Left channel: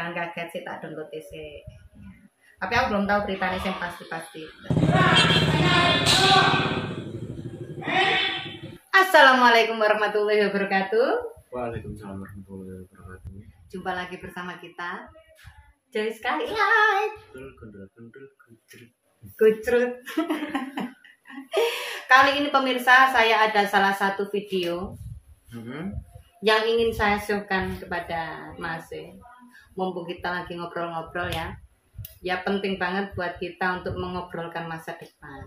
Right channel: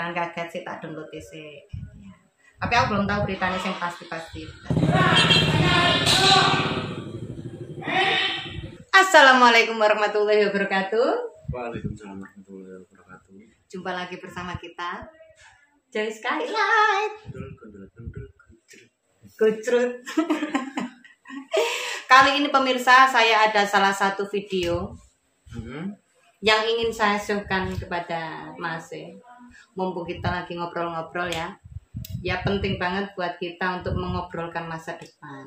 jangan kaget sih, tak download sih. Tapi aku belum tahu beritanya yang pasti. Assalamualaikum warahmatullahi wabarakatuh. Waalaikumsalam warahmatullahi wabarakatuh. Jumpa lagi bersama kita Joy Skylight. Kucrut. Kali ini pemirsa, saya ada salah satu video yang ingin saya showkan kepada Mas. Mumpung kita lagi ngobrol-ngobrol ya. Ya penting banget buat kita untuk mengobrolkan masa depan.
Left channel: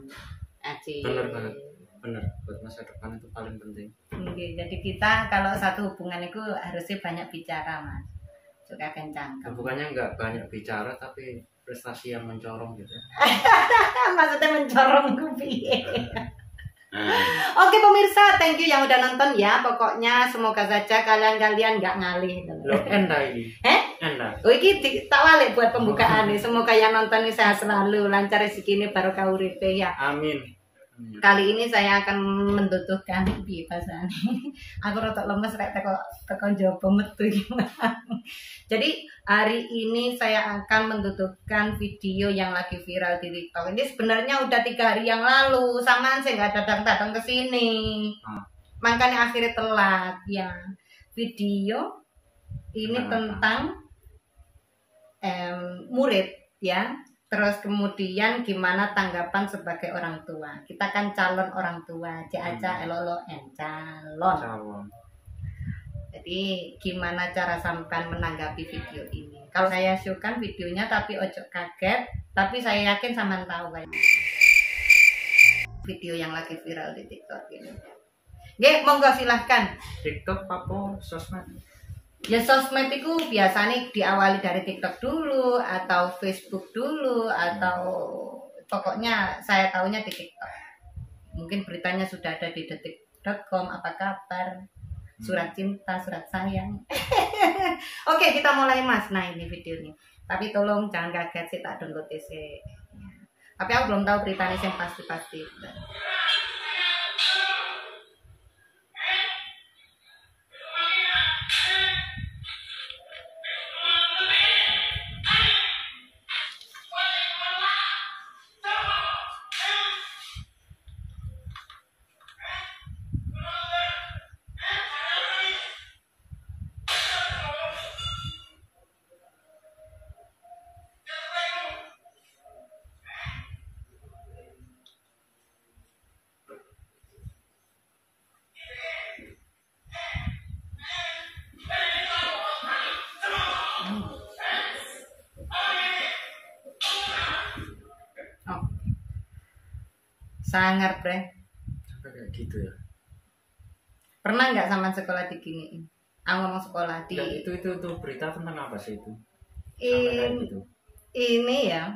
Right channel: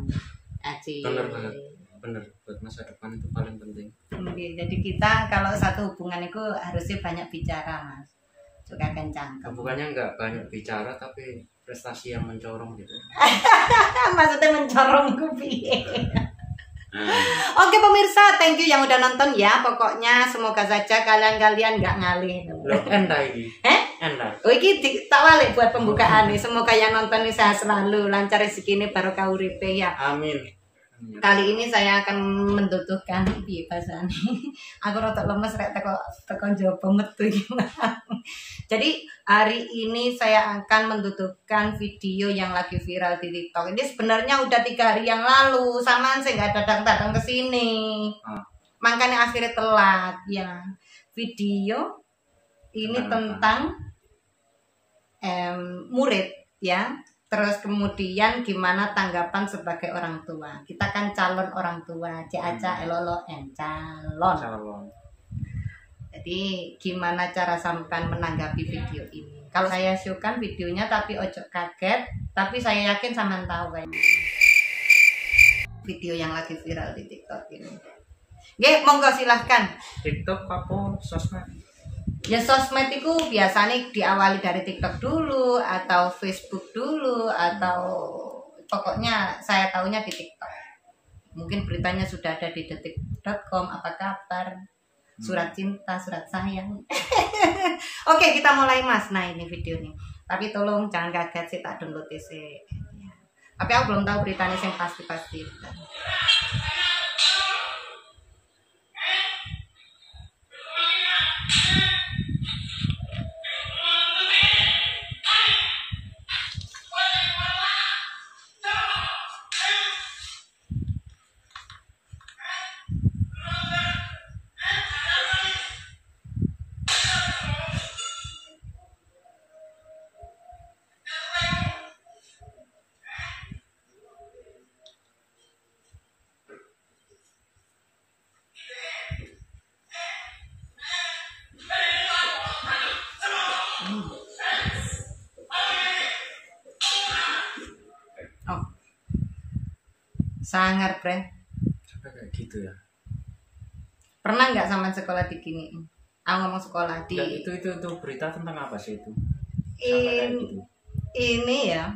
Bener banget. Bener, buat masa depan itu paling penting. Jadi kita kalau satu hubungan itu harusnya banyak bicara, Mas. Suka kencang. Bukannya nggak banyak bicara tapi prestasi yang mencorong gitu. Maksudnya mencorong piye? Oke pemirsa, thank you yang udah nonton ya. Pokoknya semoga saja kalian nggak ngalih. Loh, enda ini. Enda. Oh iki tak balik buat pembukaan nih. Semoga yang nonton ini sehat selalu, lancar rezeki ini, barokah uripe ya. Amin. Kali ini saya akan menduduhkan piye bahasane. Aku rotok lemes rek teko njaba metu gimana. Jadi hari ini saya akan menduduhkan video yang lagi viral di TikTok. Ini sebenarnya udah 3 hari yang lalu, samaan saya nggak datang ke sini. Makanya akhirnya telat ya. Video ini tentang murid ya. Terus kemudian gimana tanggapan sebagai orang tua. Kita kan calon orang tua, Caca elolo calon. Jadi gimana cara sampean menanggapi video ini. Kalau saya showkan videonya tapi ojo kaget, tapi saya yakin sampean tahu kan. Video yang lagi viral di TikTok ini. Nggih, monggo silahkan. TikTok apa sosmed? Ya sosmed itu biasanya diawali dari TikTok dulu atau Facebook dulu atau pokoknya saya tahunya di TikTok. Mungkin beritanya sudah ada di detik.com, apa kabar, surat cinta, surat sayang. Oke, kita mulai Mas. Nah ini video nih. Tapi tolong jangan kaget sih, tak download sih. Tapi aku belum tahu beritanya yang pasti. Sangar bre. Sampai kayak gitu ya. Pernah nggak sama sekolah diginiin? Aku ngomong sekolah di. Ya, itu berita tentang apa sih itu? Sampai kayak gitu. Ini ya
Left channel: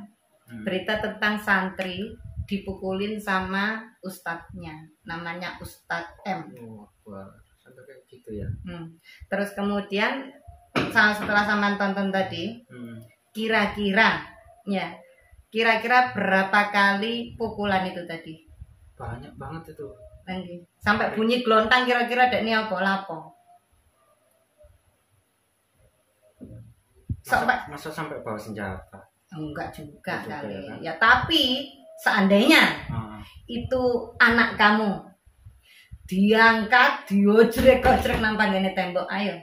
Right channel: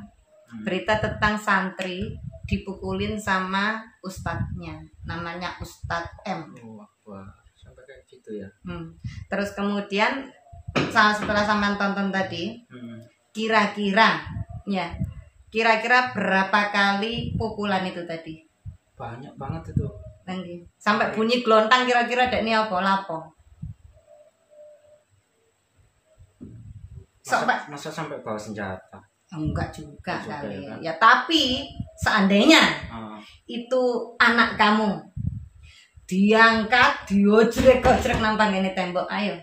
berita tentang santri dipukulin sama ustadznya, namanya Ustadz M. Wah, sampai kayak gitu ya. Terus kemudian setelah sampean tonton tadi, kira-kira berapa kali pukulan itu tadi? Banyak banget itu. Nanti sampai bunyi gelontang, kira-kira dek ini apa lapo? Masa sampai bawa senjata? Enggak juga kali. Ya, kan? Ya tapi seandainya itu anak kamu diangkat, diojrek-ojrek nampang ini tembok, ayo.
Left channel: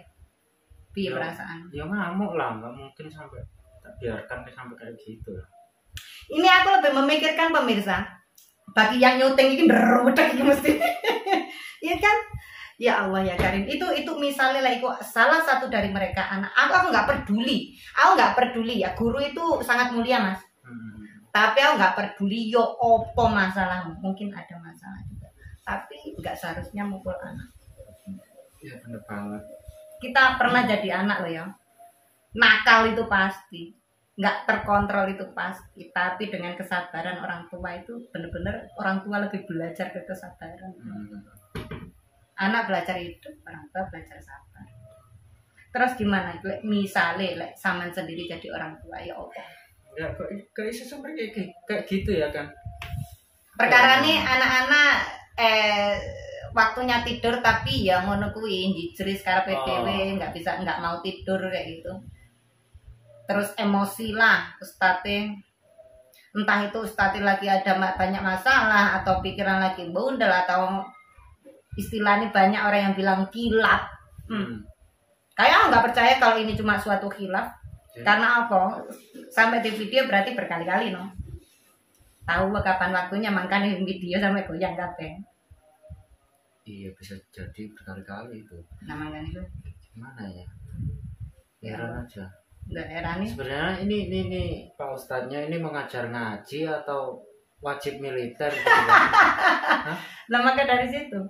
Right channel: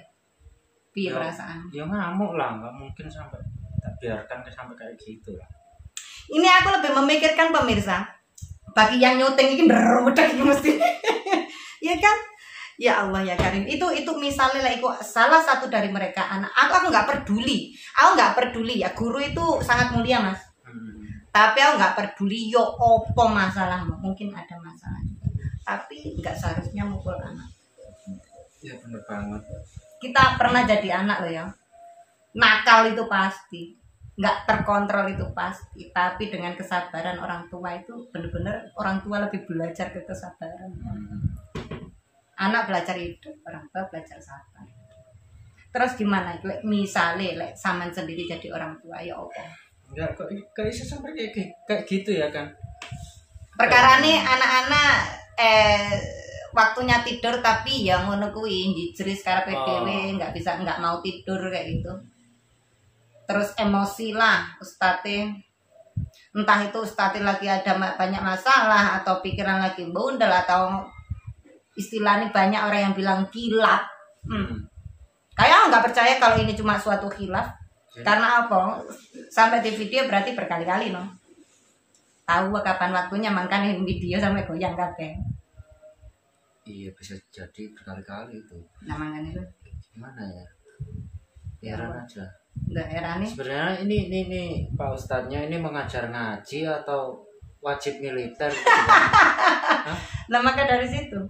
Piye perasaan? Ya ngamuk lah, nggak mungkin sampai tak biarkan sampai kayak gitu lah. Ini aku lebih memikirkan pemirsa. Bagi yang nyuting ini berudak mesti. Ya kan? Ya Allah ya Karim. Itu misalnya lah, itu salah satu dari mereka anak. Aku nggak peduli. Aku nggak peduli ya. Guru itu sangat mulia Mas. Tapi aku nggak peduli. Yo opo masalahmu? Mungkin ada masalah juga. Tapi nggak seharusnya mukul anak. Ya bener banget. Kita pernah jadi anak loh ya. Nakal itu pasti. Nggak terkontrol itu pasti, tapi dengan kesabaran orang tua itu benar-benar orang tua lebih belajar ke kesabaran. Anak belajar hidup, orang tua belajar sabar. Terus gimana? Misalnya saman sendiri jadi orang tua ya apa? Ya kok bisa sampai kayak gitu ya kan? Perkara nih anak-anak waktunya tidur tapi ya ngono kuwi njijris karep dhewe nggak mau tidur kayak gitu. terus emosi lah ustadz, entah itu ustadz lagi ada banyak masalah atau pikiran lagi bundel atau istilahnya banyak orang yang bilang kilap. Kayak nggak percaya kalau ini cuma suatu khilaf. Karena apa? Sampai di video berarti berkali-kali no. Tahu kapan waktunya makanya video sampai goyang kabeh. Iya bisa jadi berkali-kali itu. Nah makanya itu. Gimana ya? Heran aja. Nggak heran nih. Sebenarnya ini Pak Ustadznya ini mengajar ngaji atau wajib militer gitu. Hah? Lah maka dari situ.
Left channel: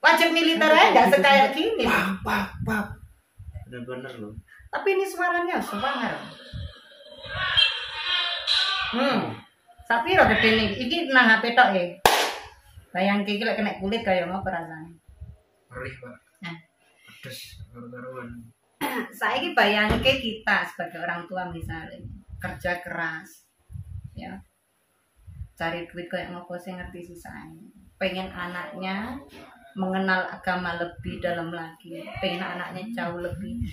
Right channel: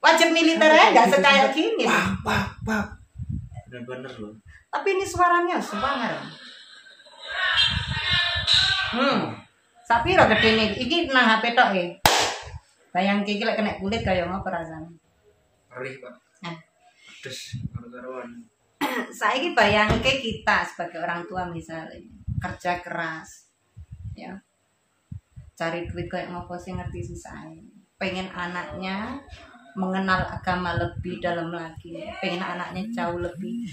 Wajib militer aja nggak sekaya gini. Pak. Bener-bener loh. Tapi ini suaranya suara. Sapiro gede nih. Iki nang HP tok ya. Bayang iki lek kena kulit kaya ngopo rasane. Perih, Pak. Pedes karo-karuan. Saiki bayangke kita sebagai orang tua misalnya kerja keras. Ya. Cari duit kayak ngopo sih ngerti susahnya. Pengen anaknya mengenal agama lebih dalam lagi, pengen anaknya jauh lebih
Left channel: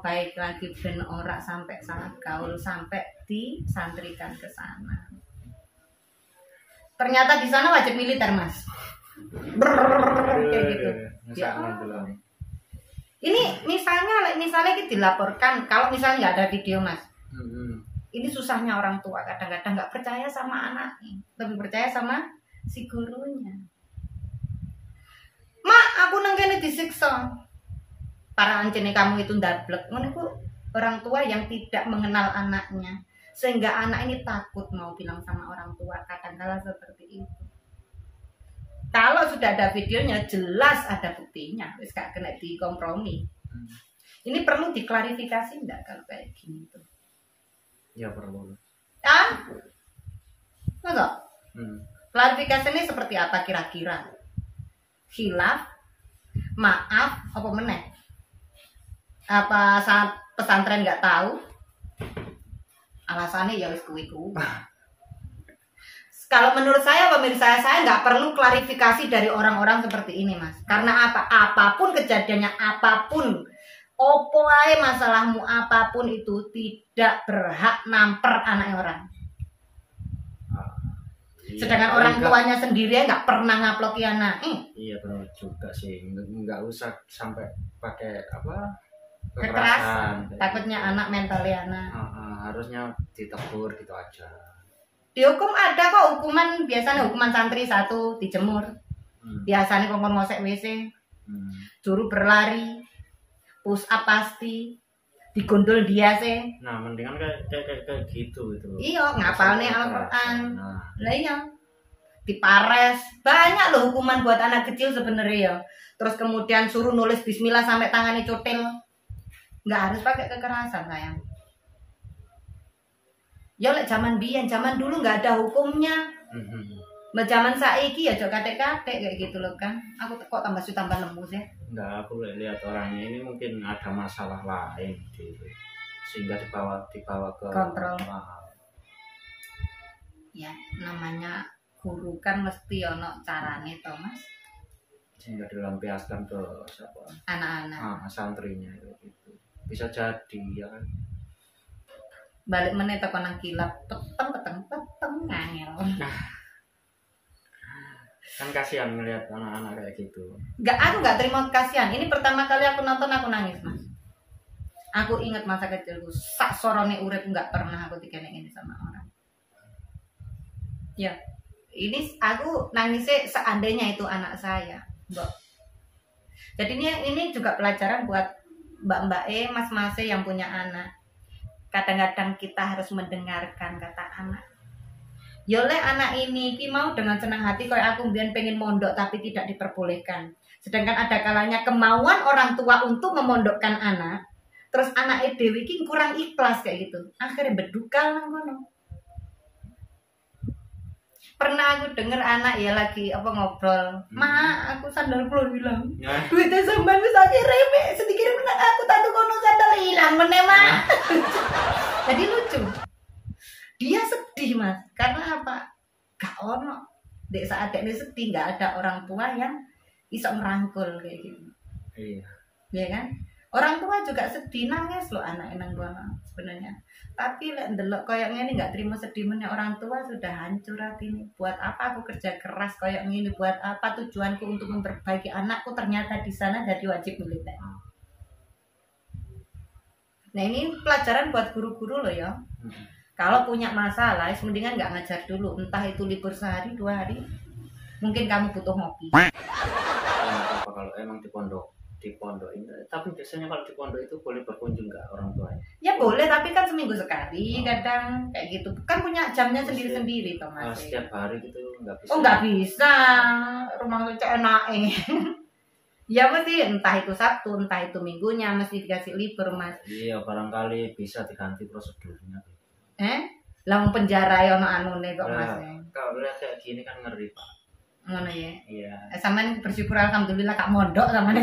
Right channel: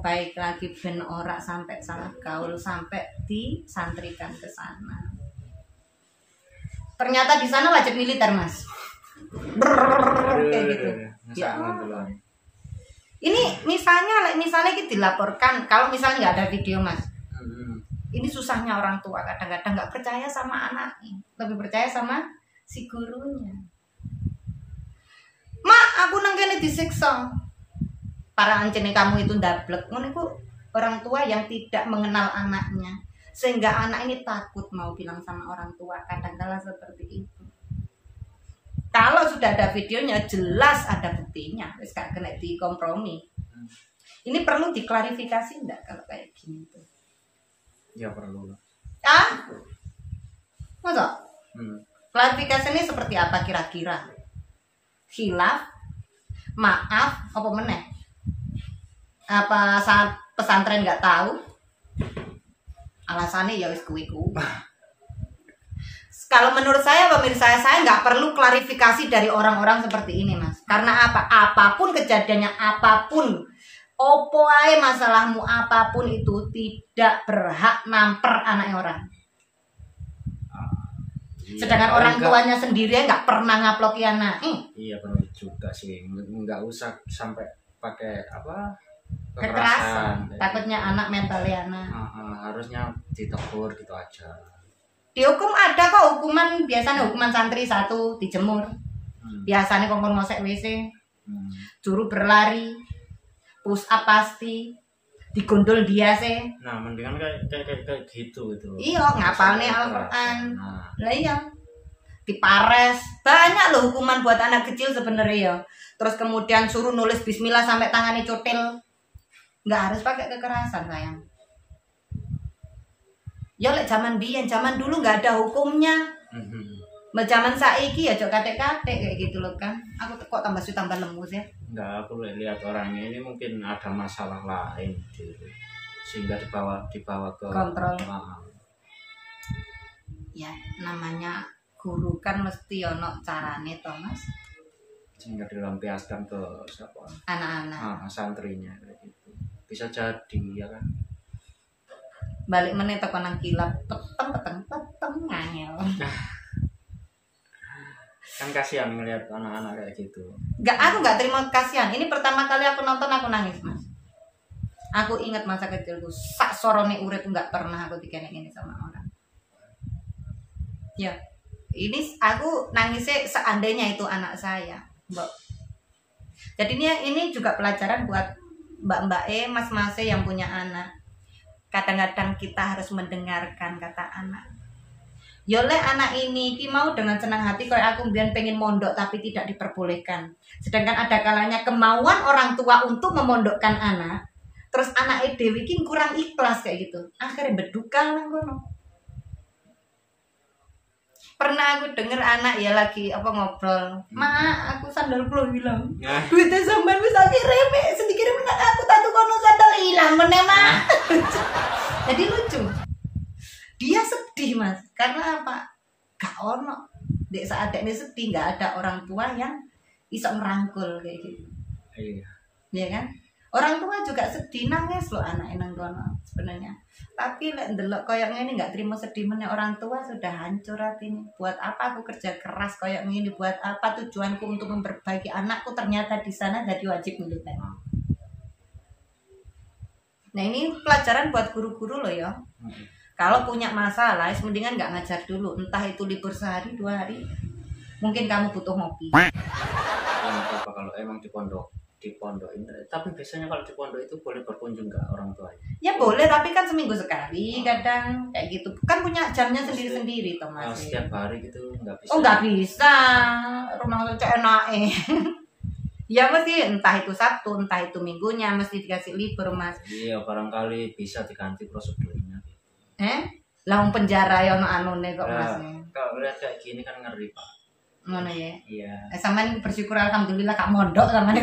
baik lagi, ben ora sampai salah gaul, sampai disantrikan ke sana. Ternyata di sana wajib militer mas, kayak gitu. Ya. Ini misalnya kita dilaporkan, kalau misalnya nggak ada video mas, ini susahnya orang tua kadang-kadang nggak percaya sama anaknya, lebih percaya sama si gurunya. Mak, aku nang kene disiksa. Para ancene kamu itu ndablek. Ngono iku orang tua yang tidak mengenal anaknya. Sehingga anak ini takut mau bilang sama orang tua. Kadang-kala seperti itu. Kalau sudah ada videonya jelas ada buktinya. Wis gak kena dikompromi. Ini perlu diklarifikasi enggak kalau kayak gini tuh? Ya perlu. Ah? Masa? Klarifikasi ini seperti apa kira-kira? Khilaf, maaf, apa meneh? Apa saat pesantren nggak tahu? Alasannya ya wis kuwi. Kalau menurut saya pemirsa saya nggak perlu klarifikasi dari orang-orang seperti ini mas. Karena apa? Apapun kejadiannya, apapun, opo ae masalahmu apapun itu tidak berhak namper anaknya orang. Sedangkan iya, orang tuanya sendiri nggak pernah ngaploki anak. Iya benar juga sih, nggak usah sampai pakai apa kekerasan. kekerasan. Takutnya anak mentalnya anak. Harusnya ditegur gitu aja. Dihukum ada kok hukuman, biasanya hukuman santri 1 dijemur. Biasanya kongkon ngosek WC, juru berlari, push up pasti, digondol dia sih. Nah, mendingan kayak gitu gitu. Iya, ngapalnya Al-Qur'an. Lah iya. Dipares. Banyak loh hukuman buat anak kecil sebenarnya ya. Terus kemudian suruh nulis bismillah sampai tangannya cotil. Nggak harus pakai kekerasan, sayang. Ya lek zaman biyen, zaman dulu nggak ada hukumnya. Zaman saiki ya cok katek-katek kayak gitu loh kan. Aku kok tambah lembut ya. Enggak, aku lihat orangnya ini mungkin ada masalah lain gitu. Sehingga dibawa ke kontrol. Ya, namanya guru kan mesti ono carane to, Mas. Sehingga dilampiaskan ke siapa? Anak-anak. Santrinya kayak gitu. Bisa jadi ya kan. Balik meneh teko nang kilap, peteng ngangel. Kan kasihan ngelihat anak-anak kayak gitu. Aku nggak terima kasihan. Ini pertama kali aku nonton aku nangis mas. Aku ingat masa kecilku, sak sorone urip nggak pernah aku dikenek ini sama orang. Ya, ini aku nangisnya seandainya itu anak saya, mbak. Jadinya ini juga pelajaran buat mbak-mbak mas-mas yang punya anak. Kadang-kadang kita harus mendengarkan kata anak. Yole anak ini ki mau dengan senang hati kayak aku mbiyen pengen mondok tapi tidak diperbolehkan. Sedangkan ada kalanya kemauan orang tua untuk memondokkan anak, terus anak dhewe ki kurang ikhlas kayak gitu. Akhirnya bedukal nang kono. Pernah aku denger anak ya lagi apa ngobrol, "Ma, aku sandal kula hilang." Duitnya sampean wis akhirnya sedikit menang aku tak kono sandal hilang meneh, Ma. Jadi lucu. Dia sedih mas, karena apa? Gak ono. Dek saat ini sedih, gak ada orang tua yang bisa merangkul kayak gitu. Iya. Ya kan? Orang tua juga sedih nangis loh anak nang kono sebenarnya. Tapi lek ndelok koyo ngene nggak terima sedih meneh orang tua sudah hancur hati ini. Buat apa aku kerja keras koyo ngene? Buat apa tujuanku untuk memperbaiki anakku ternyata di sana jadi wajib militer. Nah ini pelajaran buat guru-guru loh ya. Kalau punya masalah, mendingan nggak ngajar dulu. Entah itu libur sehari 2 hari, mungkin kamu butuh ngopi. Ya nggak apa kalau emang di pondok ini. Tapi biasanya kalau di pondok itu boleh berkunjung nggak orang tuanya? Ya boleh, tapi kan seminggu sekali kadang kayak gitu. Kan punya jamnya sendiri-sendiri toh Mas. Setiap hari gitu nggak bisa. Oh nggak bisa, rumah saya enak Ya mesti entah itu Sabtu, entah itu Minggunya mesti dikasih libur Mas. Iya barangkali bisa diganti prosedurnya. Lah wong penjara ya ono anune kok Mas. Kalau lihat kayak gini kan ngeri Pak. Ngono ya. Iya. Sampean bersyukur alhamdulillah Kak mondok sampean.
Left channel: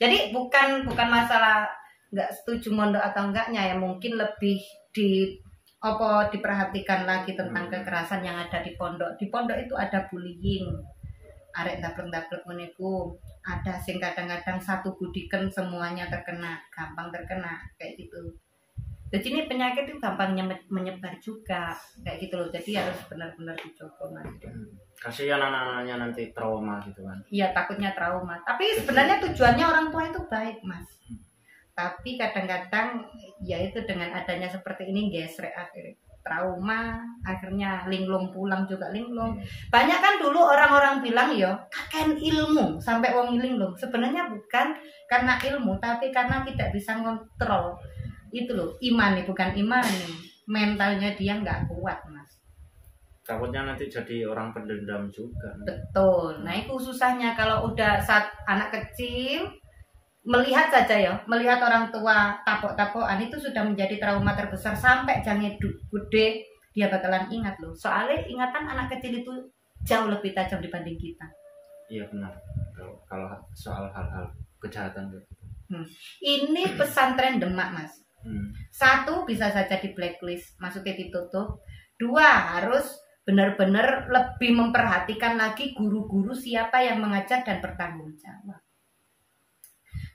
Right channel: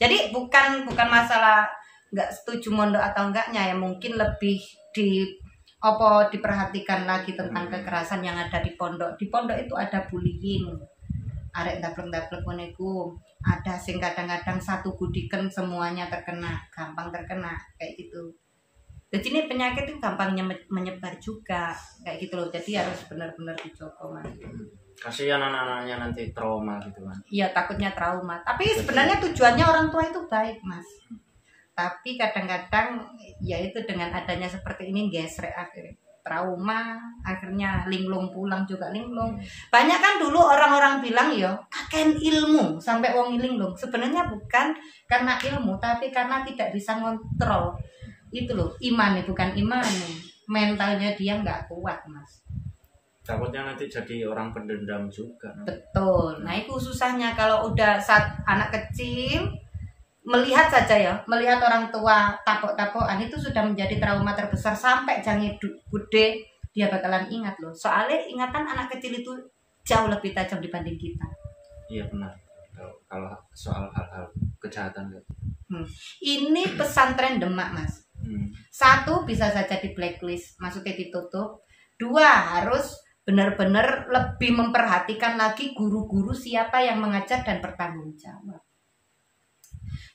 Jadi bukan masalah nggak setuju mondok atau enggaknya ya, mungkin lebih diperhatikan lagi tentang kekerasan yang ada di pondok. Di pondok itu ada bullying. Arek daplek-daplek niku, ada sing kadang-kadang satu gudiken semuanya terkena, gampang terkena kayak gitu. Jadi ini penyakit itu gampang menyebar juga kayak gitu loh. Jadi harus benar-benar dijogo Mas. Kasihan anak-anaknya nanti trauma gitu kan. Iya takutnya trauma. Tapi sebenarnya tujuannya orang tua itu baik Mas. Tapi kadang-kadang ya itu dengan adanya seperti ini gesrek akhirnya trauma, akhirnya linglung pulang juga linglung. Banyak kan dulu orang-orang bilang yo kaken ilmu sampai wong linglung. Sebenarnya bukan karena ilmu tapi karena tidak bisa ngontrol. Itu loh iman nih, bukan iman nih. Mentalnya dia nggak kuat Mas. Takutnya nanti jadi orang pendendam juga. Betul. Nah itu susahnya kalau udah saat anak kecil melihat saja ya, melihat orang tua tapok-tapokan itu sudah menjadi trauma terbesar sampai jangan gede dia bakalan ingat loh. Soalnya ingatan anak kecil itu jauh lebih tajam dibanding kita. Iya benar. Kalau soal hal-hal kejahatan gitu. Ini pesantren Demak Mas. 1 bisa saja di blacklist, maksudnya ditutup. 2 harus benar-benar lebih memperhatikan lagi guru-guru siapa yang mengajar dan bertanggung jawab.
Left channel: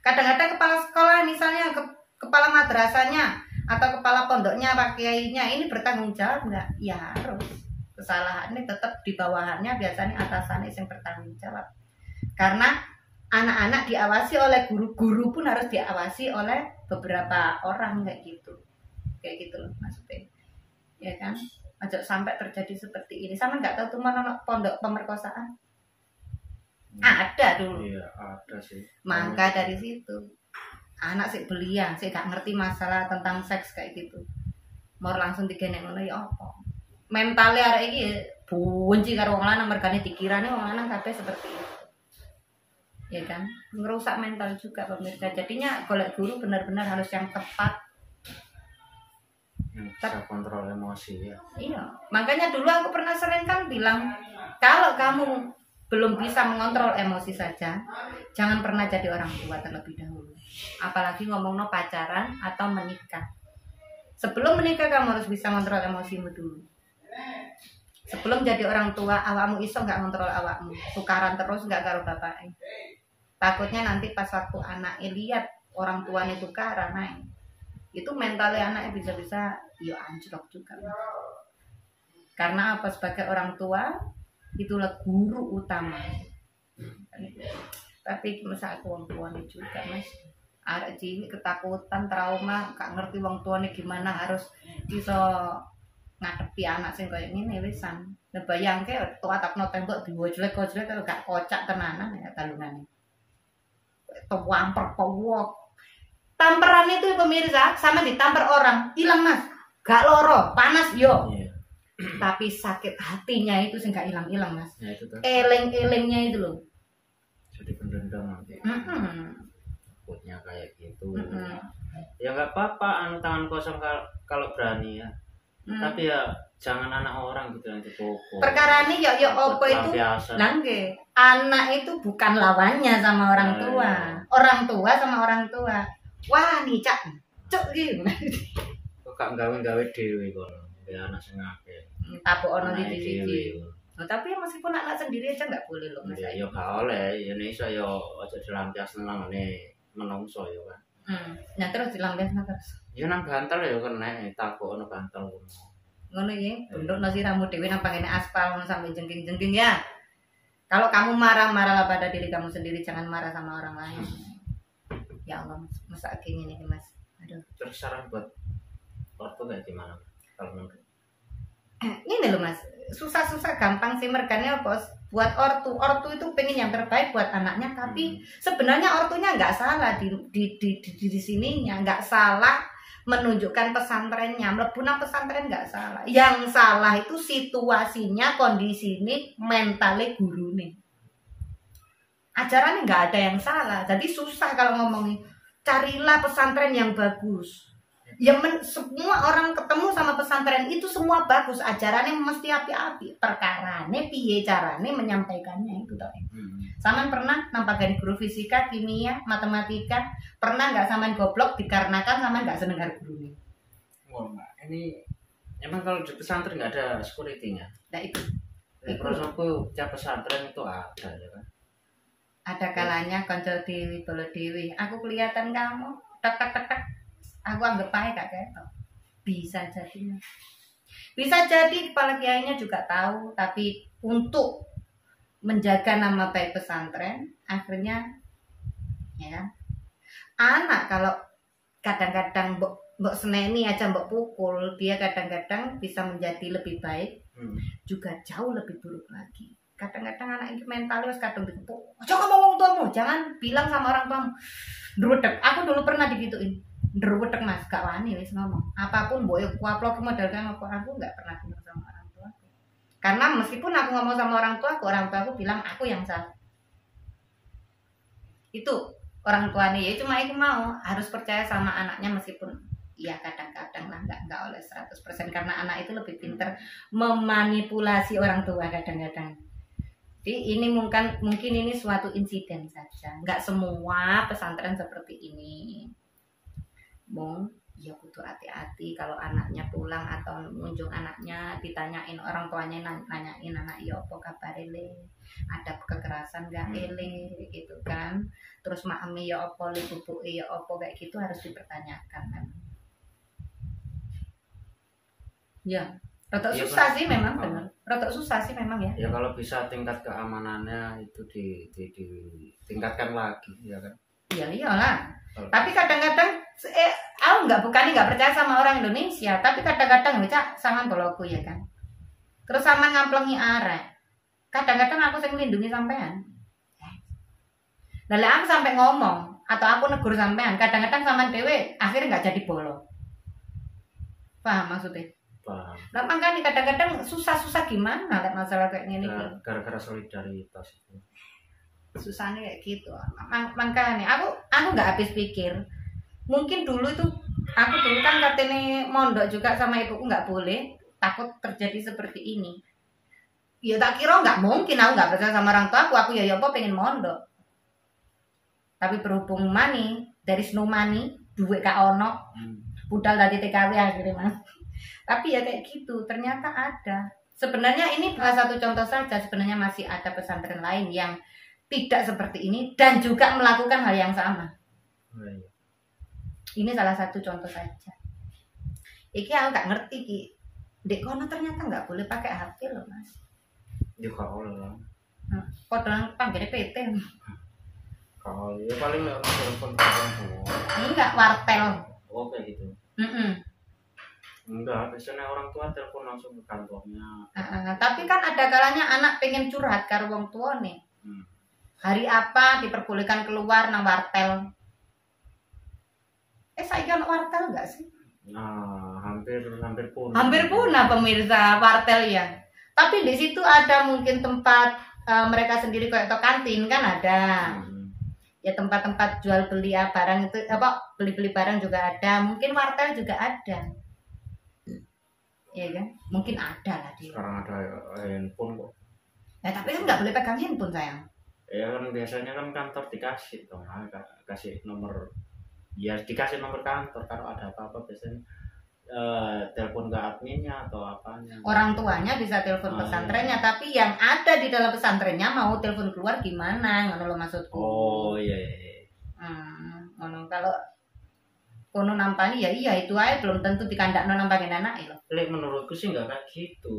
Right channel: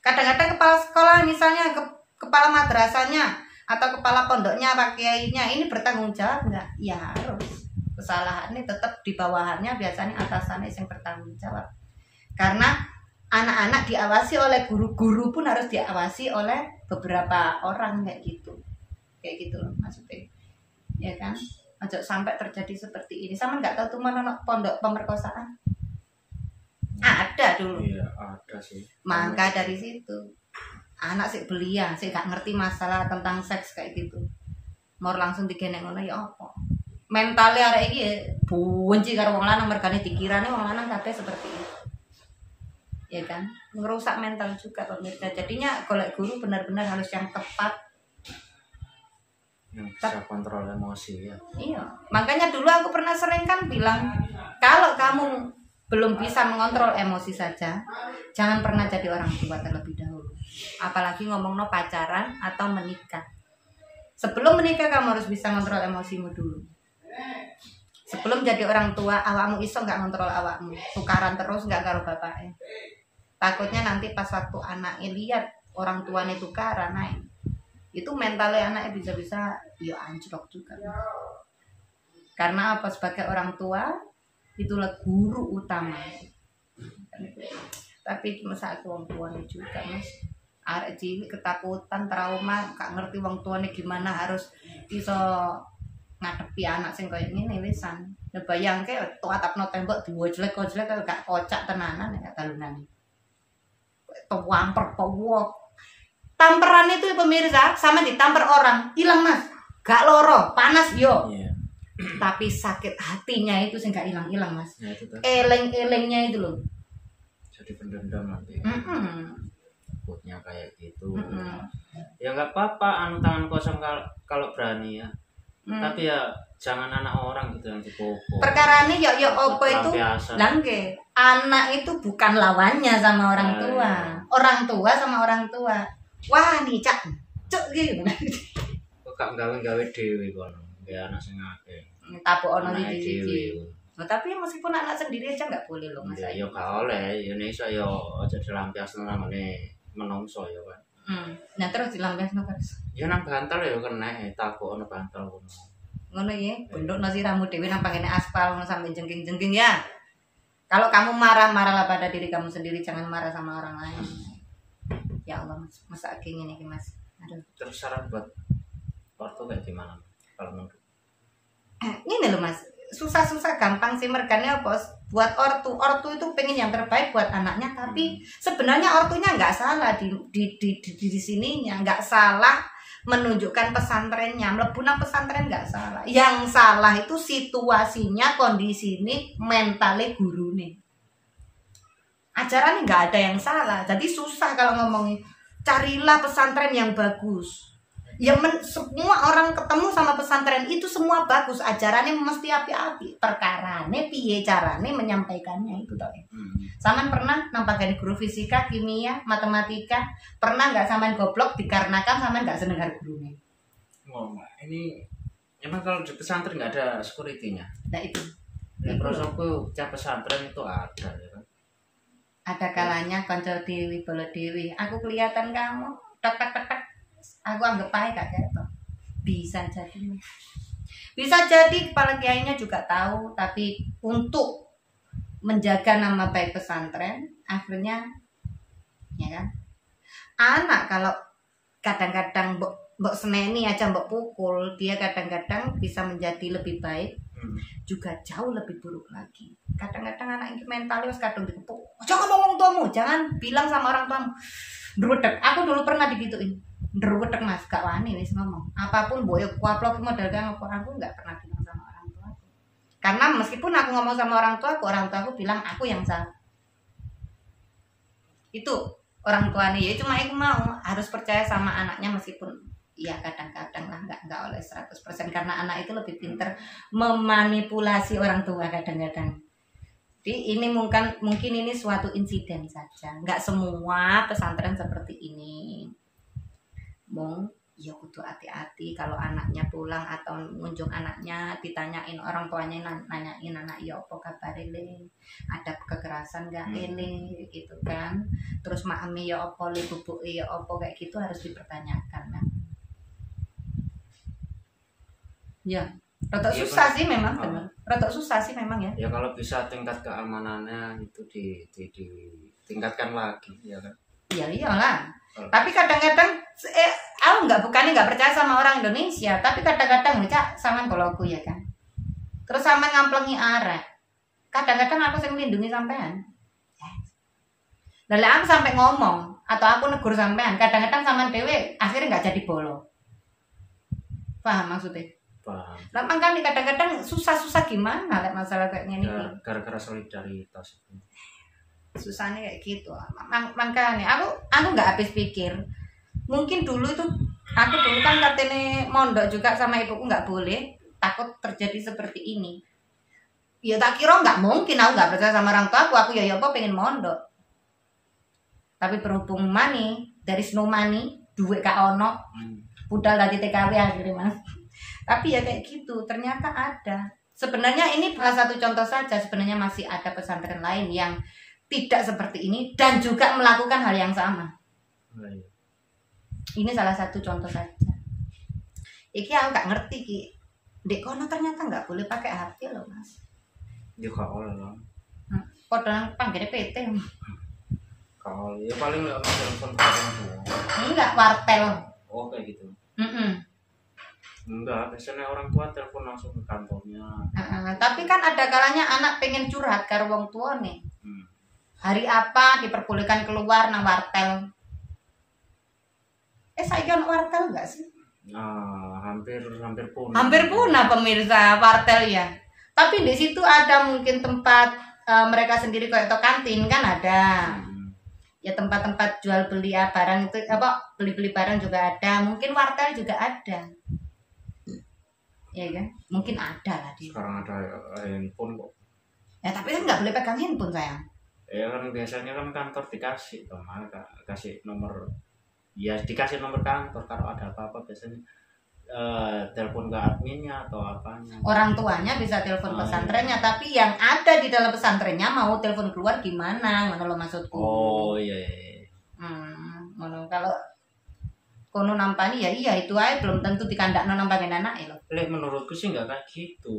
Kadang-kadang kepala sekolah misalnya kepala madrasahnya atau kepala pondoknya pak kiainya ini bertanggung jawab enggak? Ya harus. Kesalahannya tetap di bawahannya, biasanya atasannya yang bertanggung jawab. Karena anak-anak diawasi oleh guru-guru pun harus diawasi oleh beberapa orang kayak gitu loh maksudnya ya kan. Aja sampai terjadi seperti ini. Sama nggak tahu tuh mana pondok pemerkosaan ada dulu. Iya ada sih. Maka dari situ anak sih belia sih gak ngerti masalah tentang seks kayak gitu mau langsung digenek ngono ya apa mentalnya arek iki bunci karo wong lanang mergane dikirane wong lanang kabeh seperti itu ya kan, ngerusak mental juga pemirsa. Jadinya golek guru benar-benar harus yang tepat, yang bisa kontrol emosi ya. Iya, makanya dulu aku pernah sering kan bilang kalau kamu belum bisa mengontrol emosi saja, jangan pernah jadi orang tua terlebih dahulu. Apalagi ngomong pacaran atau menikah. Sebelum menikah kamu harus bisa ngontrol emosimu dulu. Sebelum jadi orang tua, awakmu iso nggak ngontrol awakmu, tukaran terus nggak karo bapaknya. Takutnya nanti pas waktu anaknya lihat orang tuanya tukaran, itu mentalnya anaknya bisa-bisa ya anjlok juga. Karena apa? Sebagai orang tua itulah guru utama. Tapi masa aku wong tuane juga mas, arek cilik ketakutan, trauma, gak ngerti wong tuane gimana harus bisa ngadepi anak sing koyo ngene wisan. Lah bayangke tok atapno tembok diwojlek-wojlek gak kocak tenanan ya talunane. Tuamper powok. Tamperan itu pemirsa sama ditampar orang, hilang mas. Gak loro, panas yo. Iya. Tapi sakit hatinya itu sih nggak hilang-hilang mas. Ya, itu Eleng-elengnya itu loh. Jadi pendendam nanti. Takutnya kayak gitu. Ya nggak apa-apa, anu tangan kosong kalau berani ya. Tapi ya jangan anak orang gitu yang dipukul. Perkara ini ya opo itu langge. Anak itu bukan lawannya sama orang tua. Orang tua sama orang tua. Wah nih cak gitu. Kok gak gawe-gawe dewe kono. Ya anak sing akeh. Tapuk ono iki. Nah, tapi meskipun anak sendiri aja nggak boleh loh mas. Ya gak oleh, ya iso ya aja dilampiasno nang ngene menungso ya kan. Nah terus dilampiasno terus. Ya nang bantal ya kena takok ono bantal ngono. Ngono ya, bendokno siramu dhewe nang pakene aspal ngono sampai jengking-jengking ya. Kalau kamu marah-marahlah pada diri kamu sendiri, jangan marah sama orang lain. Ya Allah, masa kayak gini Mas. Aduh. Terus saran buat ortu kayak gimana kalau menurut? Ini loh Mas, susah-susah gampang sih mergane apa? Buat ortu itu pengen yang terbaik buat anaknya, tapi sebenarnya ortunya nggak salah di sininya, nggak salah menunjukkan pesantrennya, mlebu nang pesantren nggak salah. Yang salah itu situasinya, kondisi ini, mentalnya guru nih. Ajarannya nggak ada yang salah, jadi susah kalau ngomongin. Carilah pesantren yang bagus. Ya semua orang ketemu sama pesantren itu semua bagus, ajarannya mesti api-api. Perkarane piye carane menyampaikannya itu toh. Saman pernah nampak dari guru fisika, kimia, matematika, pernah nggak saman goblok dikarenakan saman nggak seneng karo gurunya? Oh, ini emang kalau di pesantren nggak ada security-nya. Nah itu. Ya, prosoku tiap pesantren itu ada ya kan. Ada kalanya konco dewi bolo dewi. Aku kelihatan kamu tek. Aku anggap aja kak ketok. Bisa jadi. Bisa jadi kepala kiainya juga tahu, tapi untuk menjaga nama baik pesantren, akhirnya ya kan. Anak kalau kadang-kadang mbok seneni aja mbok pukul, dia kadang-kadang bisa menjadi lebih baik, juga jauh lebih buruk lagi. Kadang-kadang anak ini mentalnya wis kadung dikepuk. Jangan ngomong tuamu, jangan bilang sama orang tuamu. Ndruwedeg, aku dulu pernah digituin. Ndruwedeg Mas, gak wani wis ngomong. Apapun mbok kuaplok modal kang aku enggak pernah bilang sama orang tua aku. Karena meskipun aku ngomong sama orang tuaku bilang aku yang salah. Itu orang tuanya ya cuma aku mau harus percaya sama anaknya meskipun ya kadang-kadang lah enggak oleh 100% karena anak itu lebih pintar memanipulasi orang tua kadang-kadang. Jadi ini mungkin ini suatu insiden saja. Enggak semua pesantren seperti ini. Mong, ya kudu hati-hati kalau anaknya pulang atau ngunjung anaknya ditanyain orang tuanya nanyain anak ya apa kabar le, ada kekerasan gak ele gitu kan, terus maami ya apa le, bubuke ya apa kayak gitu harus dipertanyakan kan. Ya, rotok susah sih memang benar. Rotok susah sih memang ya. Ya kalau bisa tingkat keamanannya itu ditingkatkan lagi ya kan. Iya iyalah. Tapi kadang-kadang aku nggak percaya sama orang Indonesia, tapi kadang-kadang Cak sama boloku ya kan. Terus sama ngamplengi arek. Kadang-kadang aku sing melindungi sampean. Lalu aku sampai ngomong atau aku negur sampean, kadang-kadang sama dewe akhirnya nggak jadi bolo. Paham maksudnya? Paham. Nah, makanya kadang-kadang susah-susah gimana lihat masalah kayak gini. Gara-gara solidaritas itu. Susahnya kayak gitu. Makanya aku nggak habis pikir. Mungkin dulu itu aku dulu kan katanya mondok juga sama ibuku nggak boleh, takut terjadi seperti ini. Ya tak kira nggak mungkin, aku nggak percaya sama orang tua aku ya apa pengen mondok. Tapi berhubung dari snow money, duit gak ono, budal dari TKW akhirnya Mas. Tapi ya kayak gitu, ternyata ada. Sebenarnya ini salah satu contoh saja, sebenarnya masih ada pesantren lain yang tidak seperti ini dan juga melakukan hal yang sama. Ini salah satu contoh saja. Iki aku nggak ngerti ki. Dek kono ternyata nggak boleh pakai HP loh Mas. Ya kalau lah. Padahal panggilnya PT. Kalau ya paling nggak telepon orang tua. Enggak wartel. Oh kayak gitu. Enggak, biasanya orang tua telepon langsung ke kantornya. Tapi kan ada kalanya anak pengen curhat karo wong tua nih. Hari apa diperbolehkan keluar nang wartel? Saya kan wartel enggak sih? Hampir punah. Hampir punah pemirsa wartel ya. Tapi di situ ada mungkin tempat mereka sendiri kayak atau kantin kan ada. Ya tempat-tempat jual beli barang itu beli-beli barang juga ada. Mungkin wartel juga ada. Ya kan? Mungkin ada lah dia. Sekarang ada handphone kok. Ya tapi kan nggak boleh pegang handphone sayang. Ya kan biasanya kan kantor dikasih toh, kasih nomor. Ya dikasih nomor kantor kalau ada apa-apa biasanya telepon ke adminnya atau apanya. Orang tuanya bisa telepon pesantrennya, tapi yang ada di dalam pesantrennya mau telepon keluar gimana? Ngono lo maksudku. Oh iya. ngono. Kalau kono nampani ya iya itu aja belum tentu dikandakno nampani anak ya. Lek menurutku sih nggak kayak gitu.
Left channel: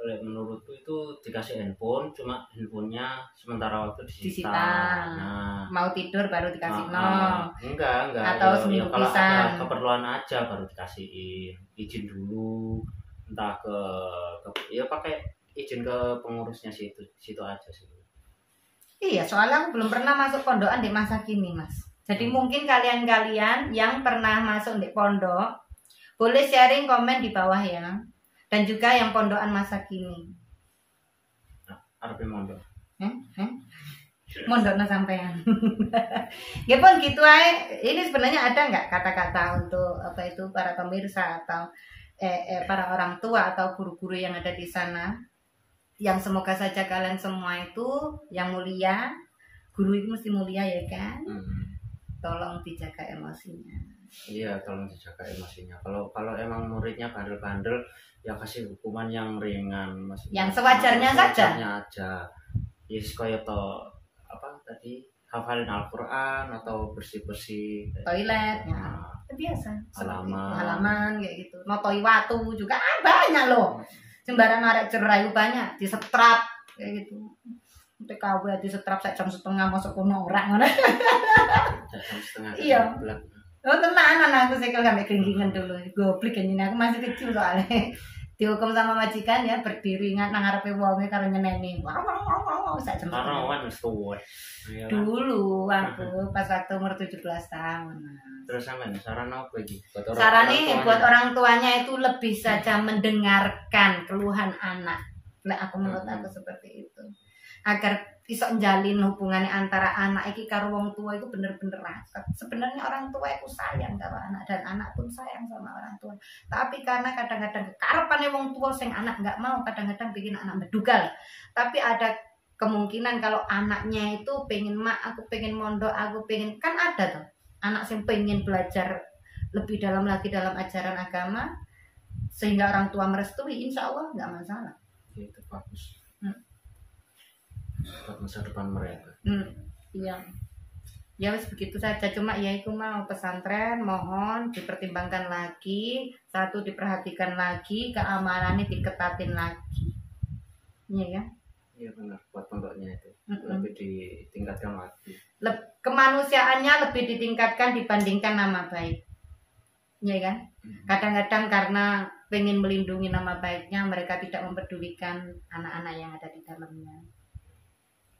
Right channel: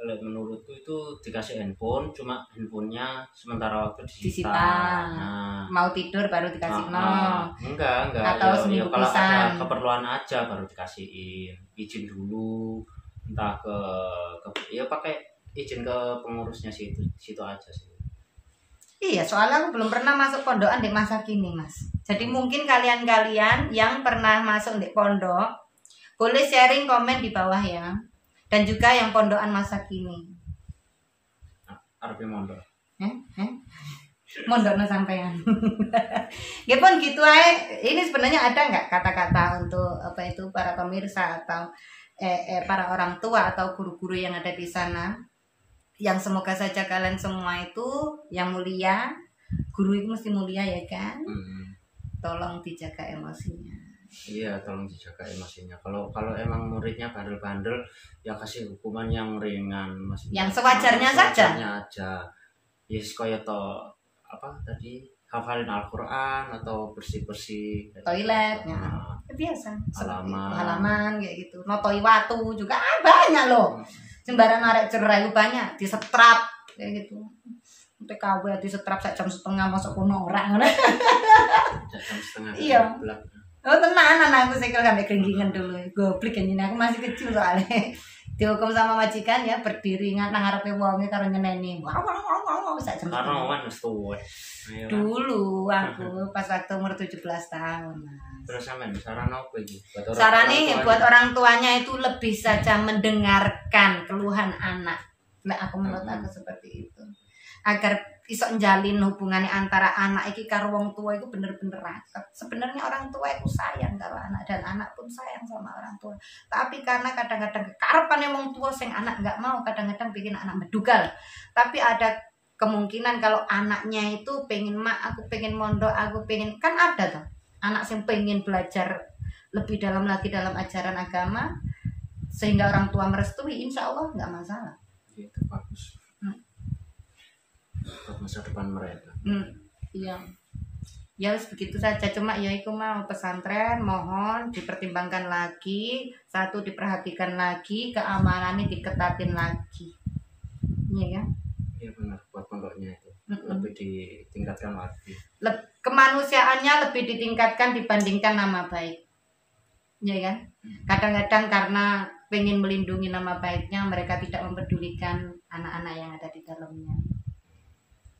Lek menurutku itu dikasih handphone, cuma handphonenya sementara waktu disita. Nah, mau tidur baru dikasih enggak. Atau Ya, kalau pisan. ada keperluan aja baru dikasihin. Izin dulu, entah ke ya pakai izin ke pengurusnya situ aja sih. Iya, soalnya aku belum pernah masuk pondokan di masa kini, Mas. Jadi mungkin kalian-kalian yang pernah masuk di pondok boleh sharing komen di bawah ya. Dan juga yang pondokan masa kini. Arep mondok. Mondokno sampean. Ya pun gitu aja. Ini sebenarnya ada nggak kata-kata untuk apa itu para pemirsa atau para orang tua atau guru-guru yang ada di sana, yang semoga saja kalian semua itu yang mulia. Guru itu mesti mulia ya kan. Tolong dijaga emosinya. Iya, tolong dijaga emosinya. Kalau emang muridnya bandel-bandel, ya kasih hukuman yang ringan, maksudnya. Yang sewajarnya saja. Aja. Yes, kaya to apa tadi hafalin Al-Qur'an atau bersih-bersih toilet ya. Biasa. Halaman kayak gitu. Notoi watu juga banyak loh. Sembarang arek cerai banyak disetrap kayak gitu. TKW disetrap sak jam setengah masuk kono ora ngono. Jam setengah. Iya. Oh tenan anakku sekel sampai keringkingan dulu. Goblok kan aku masih kecil soalnya. Dihukum sama majikan ya berdiri nang ngarepe wonge karo nyeneni. Sak jam. Karawan wis tuwa. Dulu aku pas waktu umur 17 tahun. Terus sampean saran apa iki? Sarane buat orang tuanya itu lebih saja mendengarkan keluhan anak. Nah, aku menurut aku seperti itu. Agar iso njalin hubungannya antara anak iki karo wong tua itu bener-bener raket. Sebenarnya orang tua itu sayang karo anak dan anak pun sayang sama orang tua. Tapi karena kadang-kadang kekarepane wong tua sing anak nggak mau, kadang-kadang bikin anak bedugal. Tapi ada kemungkinan kalau anaknya itu pengen aku pengen mondok, aku pengen kan ada tuh anak yang pengen belajar lebih dalam lagi dalam ajaran agama sehingga orang tua merestui, insya Allah nggak masalah. Itu bagus. Buat masa depan mereka. Iya. Ya wis begitu saja, cuma ya iku mau pesantren mohon dipertimbangkan lagi, satu diperhatikan lagi, keamanannya diketatin lagi. Iya ya. Iya benar, buat pondoknya itu lebih ditingkatkan lagi. Kemanusiaannya lebih ditingkatkan dibandingkan nama baik. Iya kan? Kadang-kadang karena pengen melindungi nama baiknya, mereka tidak mempedulikan anak-anak yang ada di dalamnya.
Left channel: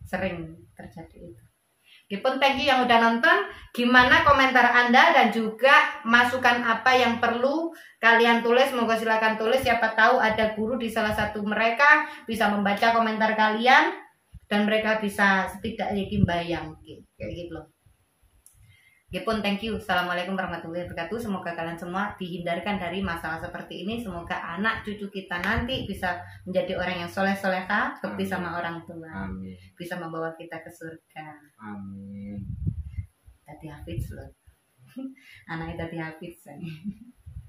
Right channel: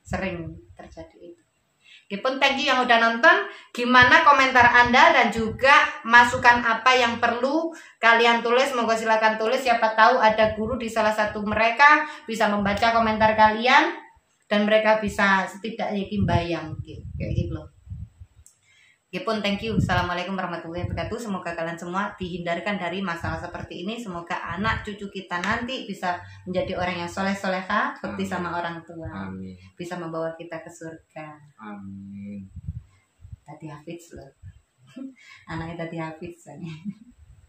Sering terjadi itu. Gipun thank you yang udah nonton. Gimana komentar Anda dan juga masukan apa yang perlu kalian tulis? Semoga silakan tulis. Siapa tahu ada guru di salah satu mereka bisa membaca komentar kalian dan mereka bisa setidaknya bayang kayak gitu loh. Gipun thank you. Assalamualaikum warahmatullahi wabarakatuh. Semoga kalian semua dihindarkan dari masalah seperti ini. Semoga anak cucu kita nanti bisa menjadi orang yang soleh-soleha, seperti sama orang tua. Amin. Bisa membawa kita ke surga. Amin. Tadi hafiz loh. Anaknya tadi hafiz.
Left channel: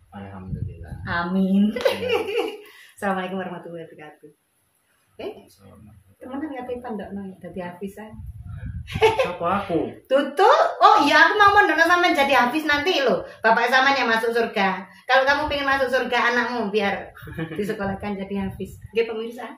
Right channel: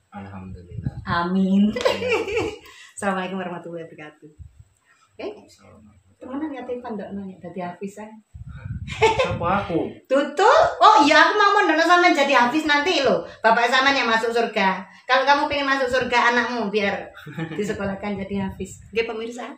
Alhamdulillah. Amin. Assalamualaikum warahmatullahi wabarakatuh. Temenan ngerti pandokno ya tadi hafiz. Siapa aku? Tutu. Oh iya aku mau mendono sampean jadi hafiz nanti loh. Bapak sampean yang masuk surga. Kalau kamu pengen masuk surga anakmu biar disekolahkan jadi hafiz. Oke pemirsa.